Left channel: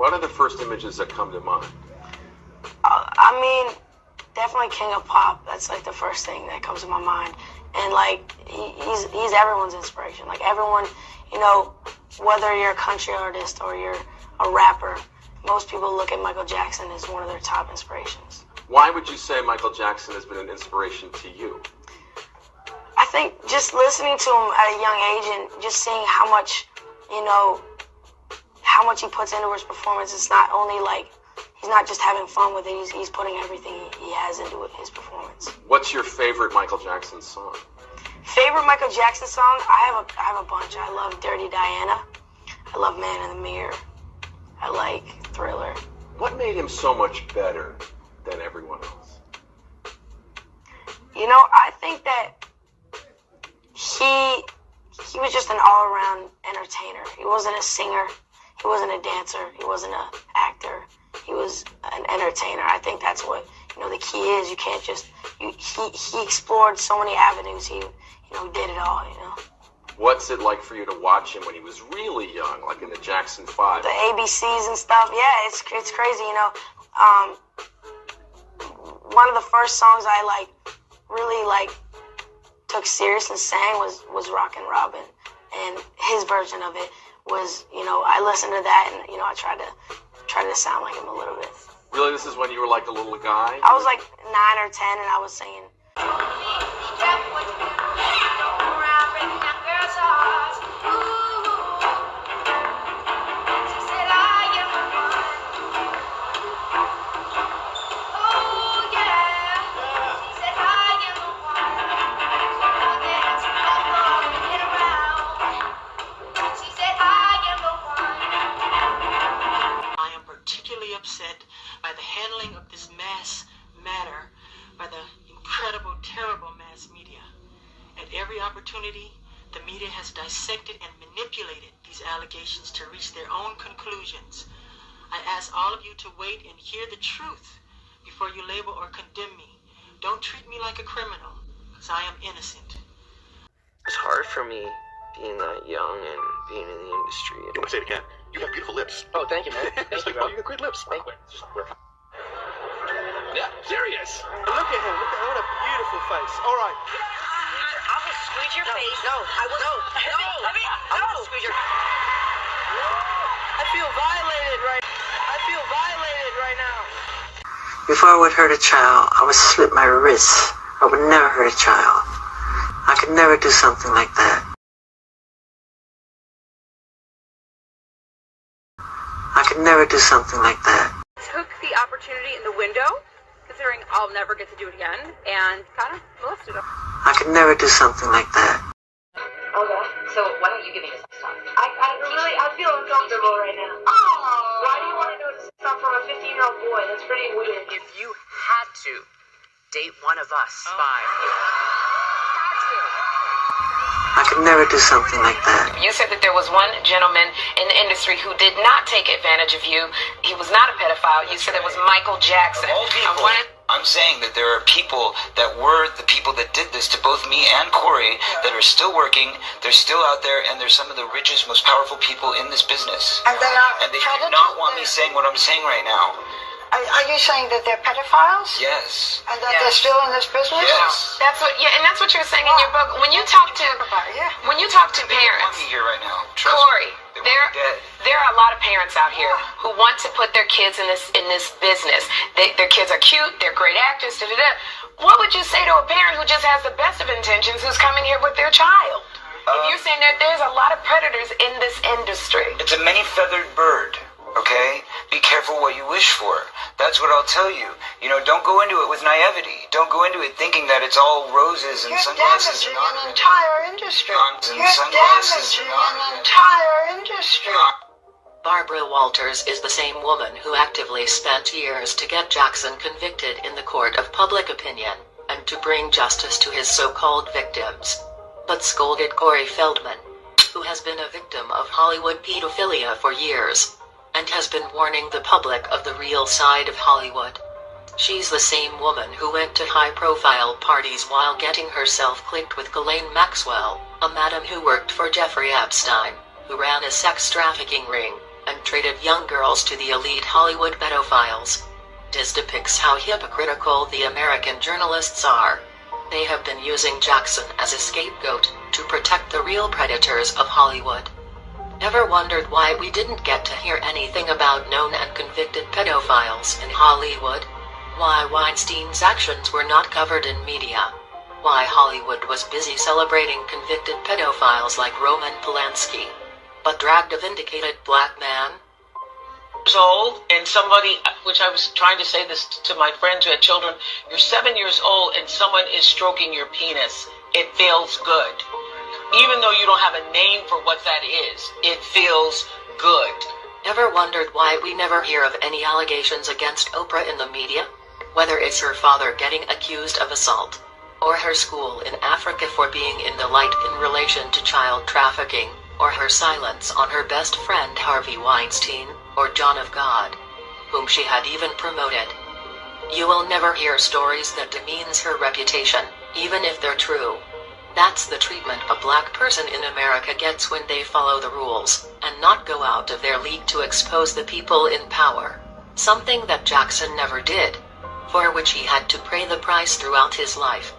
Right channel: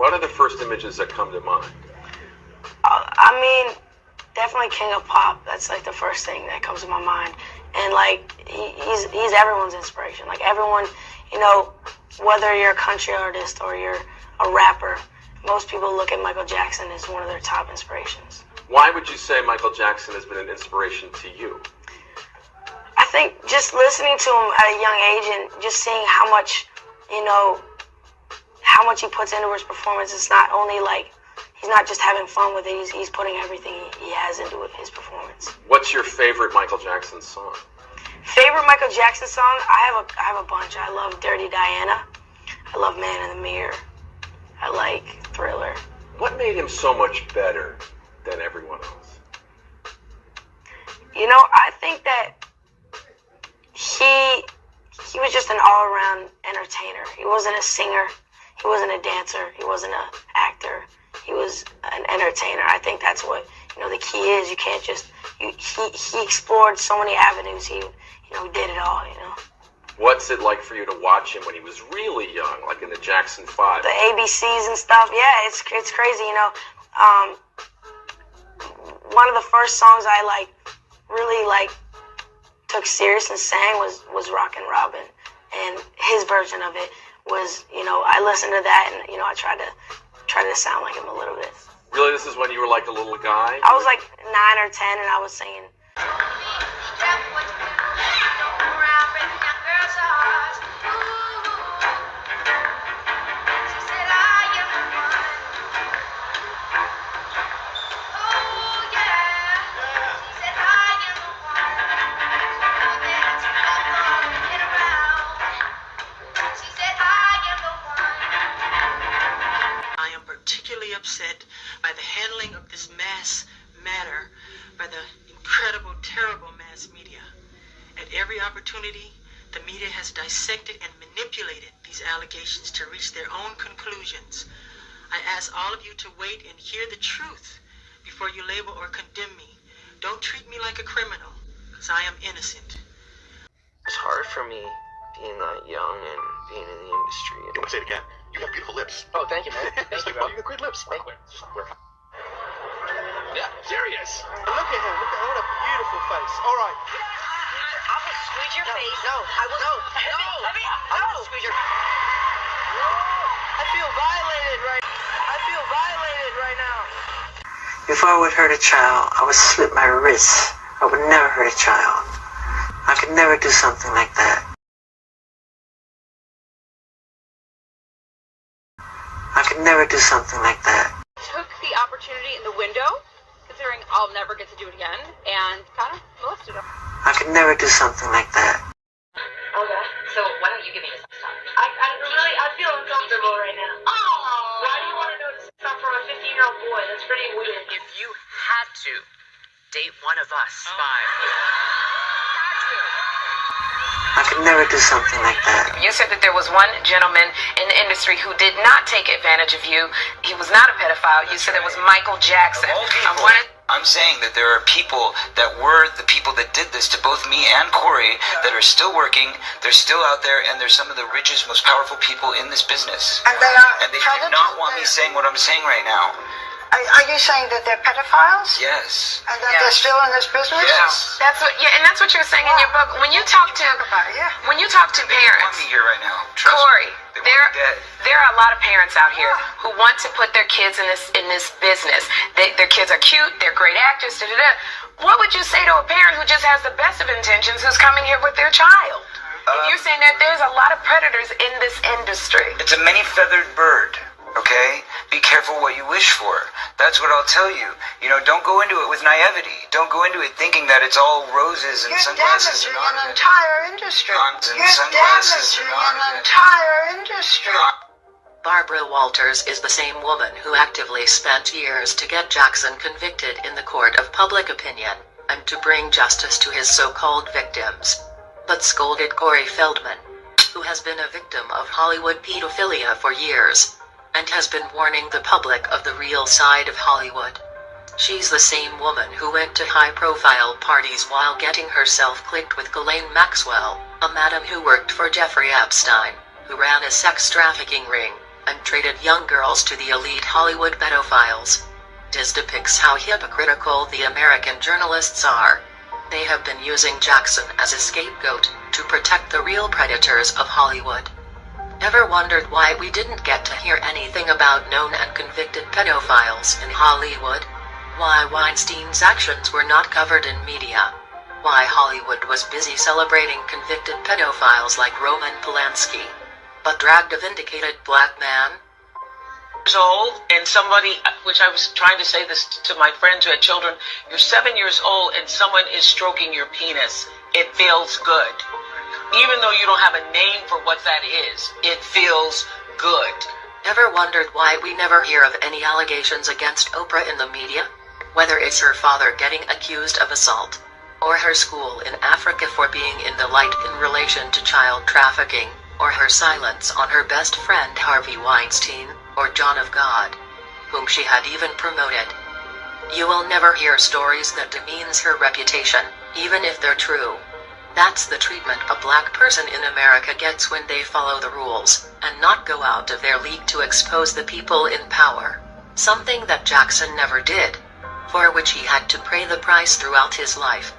what are the first images that come to mind? I mean, definitely King of Pop. That's like the first thing that comes to my mind. And like, he's everyone's inspiration. Like everyone, you know, whether you're a country artist or you're a rapper, most people look at Michael Jackson as one of their top inspirations. Why would you say Michael Jackson has been an inspiration to you? I think just listening to him at a young age and just seeing how much, you know, how much he puts into his performance. It's not only like, he's not just having fun with it, he's putting everything he has into his performance. What's your favorite Michael Jackson song? Favorite Michael Jackson song? I have a bunch. I love Dirty Diana. I love Man in the Mirror. I like Thriller. What made him so much better than everyone else? You know, I think that he was just an all-around entertainer. He wasn't a singer. He wasn't a dancer. He wasn't an actor. He was an entertainer. I think that's what, you know, the key is. You can't just, he explored so many avenues. He did it all, you know. What's it like for you to watch him when he was really young, like in the Jackson 5? The ABCs and stuff, yeah, it's crazy, you know. One of the first songs I really took serious and sang was Rockin' Robin, and his version of it was, you know, I listened to that and, you know, I tried to sound like him a little bit. Really, this is when you were like a little guy? I was like 9 or 10 and I was singing. Upset by the handling of this mass matter by the incredible, terrible mass media. At every opportunity, the media has dissected and manipulated these allegations to reach their own conclusions. I ask all of you to wait and hear the truth before you label or condemn me. Don't treat me like a criminal, because I am innocent. It's hard for me being that young and being in the industry. You want to say it again? You have beautiful lips. Oh, thank you, man. Thank you, bro. You got great lips. Thank you. Yeah, serious. Look at him. What a beautiful face. All right. I will squeeze your face. No. I will. No. I will squeeze your. I feel violated right now. If I would hurt a child, I would slit my wrists. I would never hurt a child. I could never do something like that. I could never do something like that. Took the opportunity in the window, considering I'll never get to do it again, and kind of molested him. I could never do something like that. Okay. So why don't you give me this stuff? I feel uncomfortable right now. Oh. Why do you want to know stuff from a 15-year-old boy? That's pretty weird. If you had to date one of us five. I could never do something like that. You said that there was one gentleman in the industry who did not take advantage of you. He was not a pedophile. You said it was Michael Jackson. Of all people, I'm saying that there are people that were the people that did this to both me and Corey that are still working. They're still out there, and they're some of the richest, most powerful people in this business. And they do not want me saying what I'm saying right now. Are you saying that they're pedophiles? Yes. And that they're still in this business? Yes. That's what, and that's what you're saying in your book. When you talk to parents, They want me here right now. Trust Corey, me. They want me dead. there are a lot of parents out here who want to put their kids in this business. Their kids are cute, they're great actors. What would you say to a parent who just has the best of intentions, who's coming here with their child? If you're saying that there's a lot of predators in this industry. It's a many-feathered bird. Okay? Be careful what you wish for. That's what I'll tell you. You know, don't go into it with naivety. Don't go into it thinking that it's all roses and sunglasses and an entire industry. You're damaging an entire industry. Barbara Walters is the same woman who actively spent years to get Jackson convicted in the court of public opinion, and to bring justice to his so-called victims. But scolded Corey Feldman, who has been a victim of Hollywood pedophilia for years, and has been warning the public of the real side of Hollywood. She's the same woman who went to high-profile parties while getting herself clicked with Ghislaine Maxwell, a madam who worked for Jeffrey Epstein, who ran a sex trafficking ring, and traded young girls to the elite Hollywood pedophiles. This depicts how hypocritical the American journalists are. They have been using Jackson as a scapegoat to protect the real predators of Hollywood. Ever wondered why we didn't get to hear anything about known and convicted pedophiles in Hollywood? Why Weinstein's actions were not covered in media? Why Hollywood was busy celebrating convicted pedophiles like Roman Polanski, but dragged a vindicated black man? Years old, and somebody, which I was trying to say this to my friends who had children, you're 7 years old and someone is stroking your penis. It feels good. Even though you don't have a name for what that is, it feels good. Ever wondered why we never hear of any allegations against Oprah in the media? Whether it's her father getting accused of assault, or her school in Africa for being in the light in relation to child trafficking, or her silence on her best friend Harvey Weinstein, or John of God, whom she had even promoted. You will never hear stories that demeans her reputation, even if they're true. That's the treatment a black person in America gets when they follow the rules, and not go out of their league to expose the people in power. Something that Jackson never did, for which he had to pay the price throughout his life.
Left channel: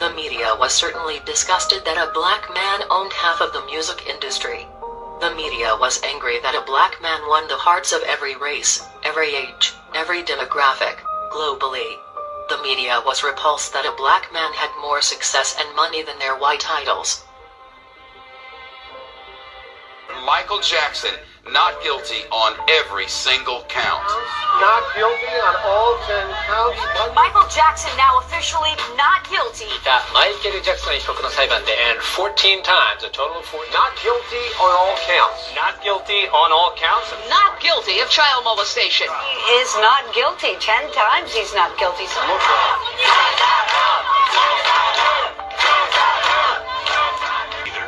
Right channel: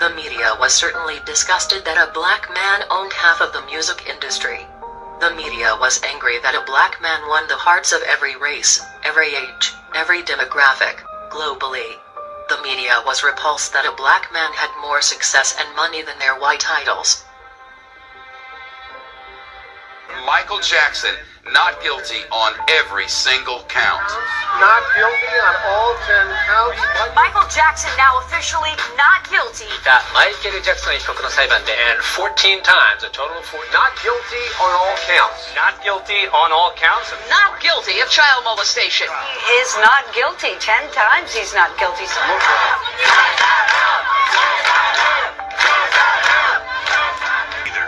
The media was certainly disgusted that a black man owned half of the music industry. The media was angry that a black man won the hearts of every race, every age, every demographic, globally. The media was repulsed that a black man had more success and money than their white idols. Michael Jackson, not guilty on every single count. Not guilty on all 10 counts. Michael Jackson now officially not guilty. マイケル・ジャクソン被告の裁判で and 14 times, a total of 14. Not guilty on all counts. Not guilty on all counts. Not guilty of child molestation. He is not guilty. 10 times he's not guilty.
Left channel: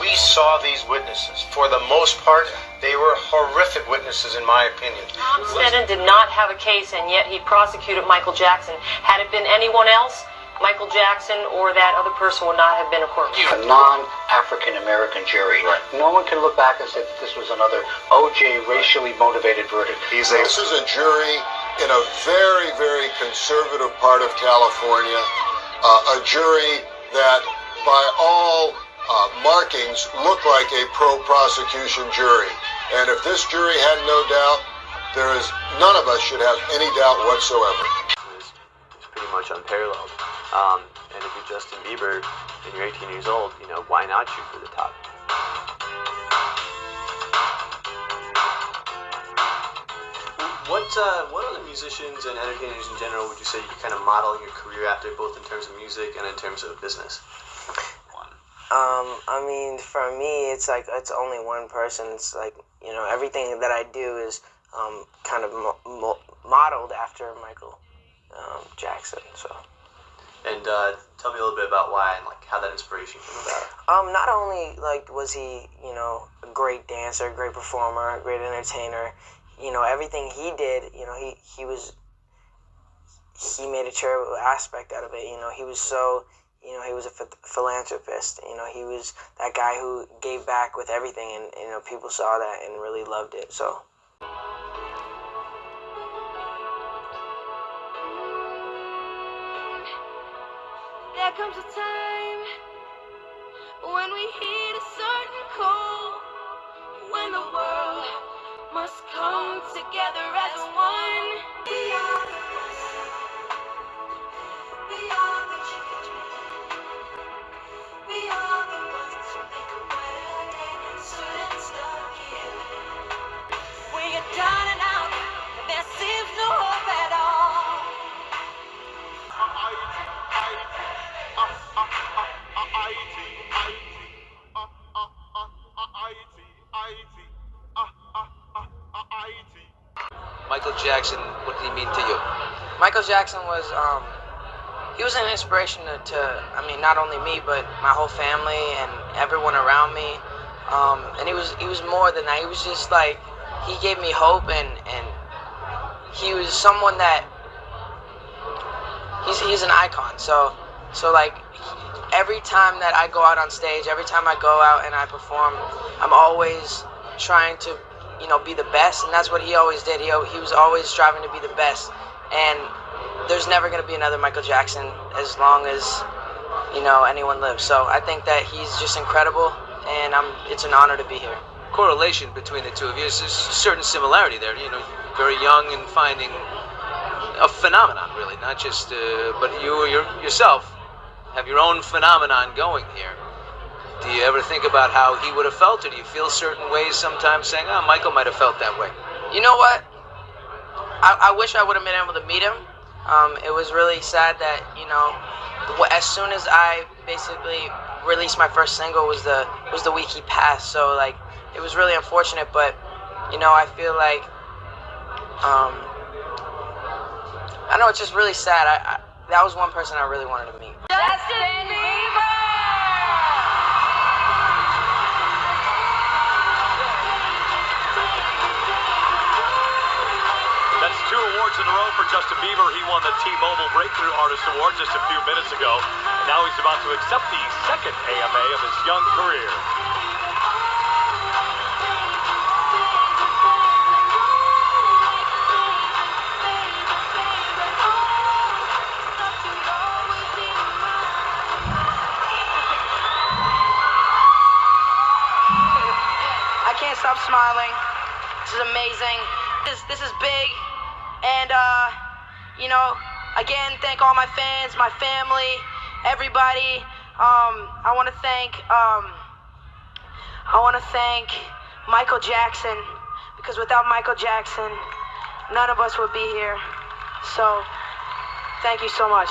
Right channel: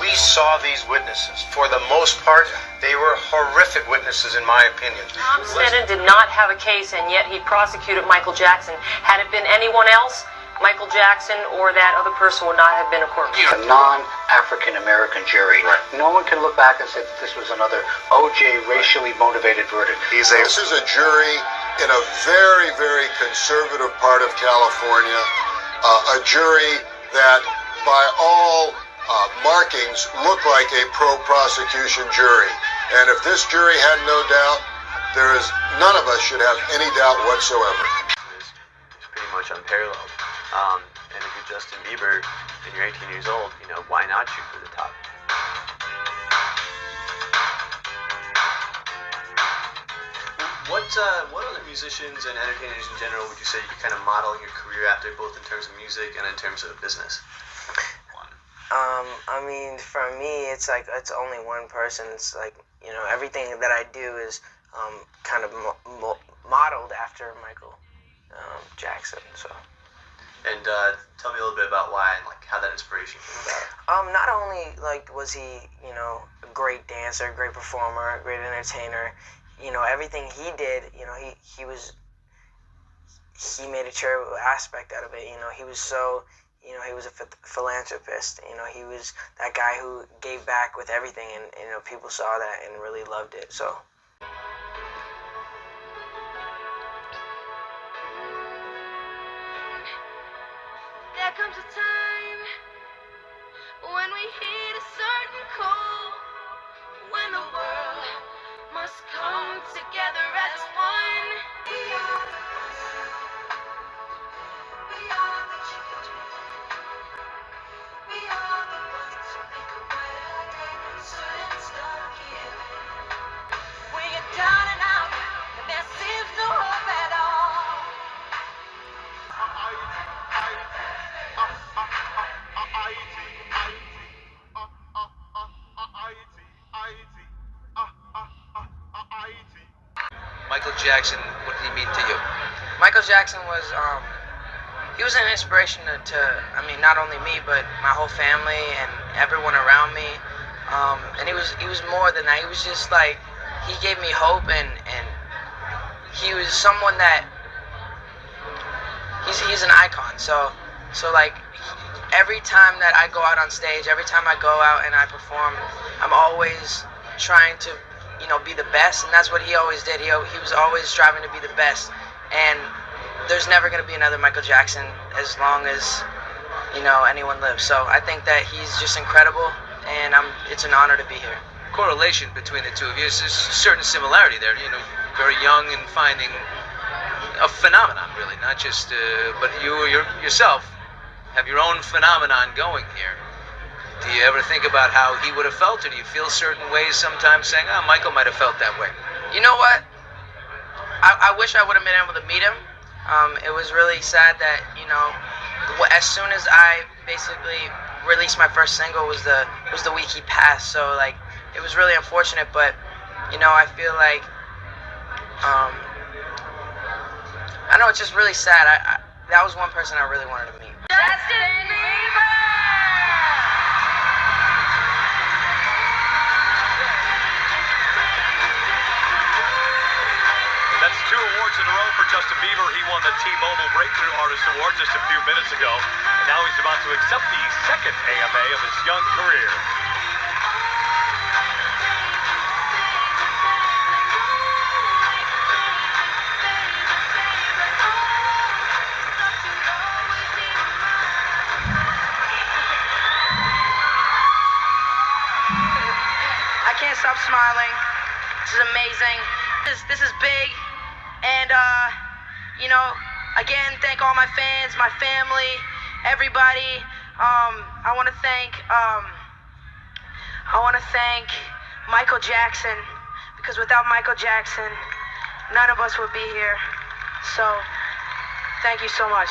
We saw these witnesses. For the most part, they were horrific witnesses, in my opinion. Tom Sneddon did not have a case, and yet he prosecuted Michael Jackson. Had it been anyone else, Michael Jackson or that other person would not have been a court. A non-African American jury. Right. No one can look back and say that this was another O.J. racially motivated verdict. This is a jury in a very, very conservative part of California. A jury that, by all markings, look like a pro-prosecution jury. And if this jury had no doubt, none of us should have any doubt whatsoever. It's pretty much unparalleled. And if you're Justin Bieber and you're 18 years old, why not shoot for the top? What other musicians and entertainers in general would you say you kind of model your career after, both in terms of music and in terms of business? I mean, for me, it's only one person. It's everything that I do is kind of modeled after Michael Jackson. So. And tell me a little bit about why and how that inspiration came about. Not only was he a great dancer, great performer, great entertainer. Everything he did. He made a charitable aspect out of it. He was so. He was a philanthropist. He was that guy who gave back with everything, and people saw that and really loved it. So. There comes a time when we hit a certain call, when the world must come together as one. We are the ones. We are the children. We are the ones who make a better day. So let's start here. We get down and out, and there seems no hope at all. Michael Jackson, what did he mean to you? Michael Jackson was, he was an inspiration to not only me, but my whole family and everyone around me. And he was more than that. He was just he gave me hope, and he was someone that, he's an icon. So every time that I go out on stage, every time I go out and I perform, I'm always trying to be the best, and that's what he always did. He was always striving to be the best, and there's never going to be another Michael Jackson as long as, anyone lives. So I think that he's just incredible, and it's an honor to be here. Correlation between the two of you, there's a certain similarity there. Very young and finding a phenomenon, really, not just, but you yourself have your own phenomenon going here. Do you ever think about how he would have felt, or do you feel certain ways sometimes saying, Michael might have felt that way? You know what? I wish I would have been able to meet him. It was really sad that, as soon as I basically released my first single was the week he passed. So, like, it was really unfortunate, but, I feel like, I know it's just really sad. That was one person I really wanted to meet. Justin Bieber! That's 2 awards in a row for Justin Bieber. He won the T-Mobile Breakthrough Artist Award just a few minutes ago. And now he's about to accept the second AMA of his young career. I can't stop smiling. This is amazing. This is big. And, again, thank all my fans, my family, everybody. I want to thank Michael Jackson, because without Michael Jackson, none of us would be here. So, thank you so much.